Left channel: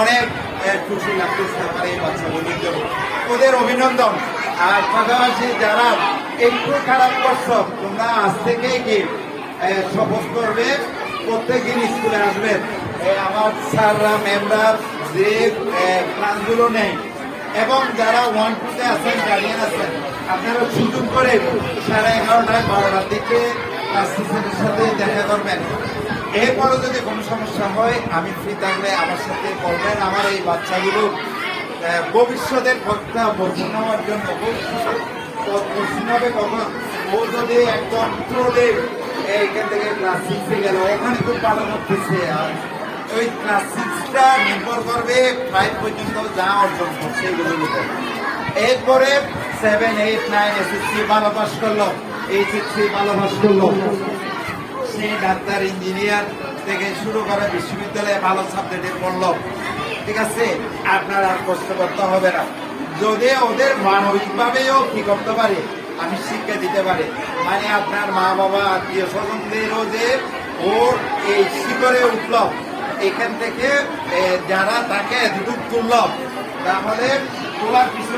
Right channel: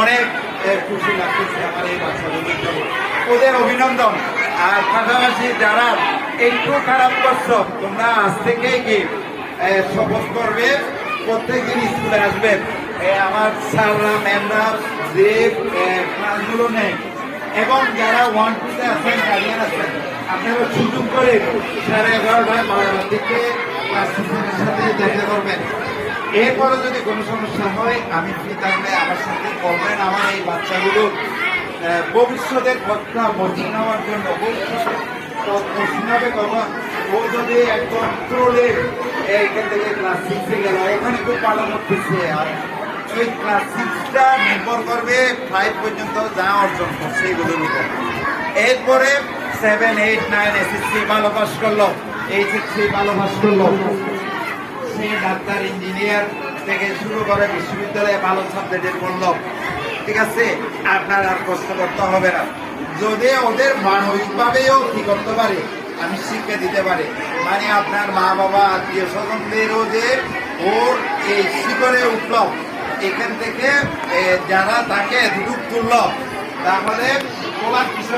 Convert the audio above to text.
অনেক খুশি লাগতেছে আমার এই বাচ্চাগুলোর জন্য, ওদের অভিনন্দন। আর পাশাপাশি যারা একটু খারাপ করছো তোমরা আজ থেকেই কি শপথ করবে প্রত্যেকদিন স্কুলে আসবেন। আমার স্যাররা ম্যামরা যে ক্লাসগুলো নেই এবং যারা 1-2-তে আছেন গার্ডিয়ান আছেন আপনারা সুযোগ করে 11:30 12টার দিকে অ্যাসিস্ট্যান্টের সাথে দেখা করবেন। এরপরে যদি কোনো সমস্যা হয় আমি ফ্রি টাইমে আমার সাথে বলবেন। আমার এই বাচ্চাগুলো ভবিষ্যতের পক্ষা মর্জিন হওয়ার জন্য ভবিষ্যতে মর্জিন হবে কখন ও যদি একদম ট্রোলে এখান থেকে ক্লাস 6-এ গেল ওখানে খুব ভালো করতেছে। ওই ক্লাস 6টা নির্ভর করবে 5 পর্যন্ত যা অর্জন করছে এগুলোর উপর। এরপরে 7, 8, 9 এসএসসি ভালো পাস করলো, এইচএসসি ভালো পাস করলো, সে ডাক্তার ইঞ্জিনিয়ার থেকে শুরু করে বিশ্ববিদ্যালয়ে ভালো সাবজেক্টে পড়লো, ঠিক আছে? আপনার আর কষ্ট করতে হবে না। যদি ওদের মানবিকভাবেও কি করতে পারে আমি শিক্ষা দিতে পারি, মানে আপনার মা বাবা আত্মীয় স্বজনদেরও যে ওর এই শিখরে উঠল এখান থেকে যারা তাকে এতটুকু তুলল তাহলে তোমার কিছু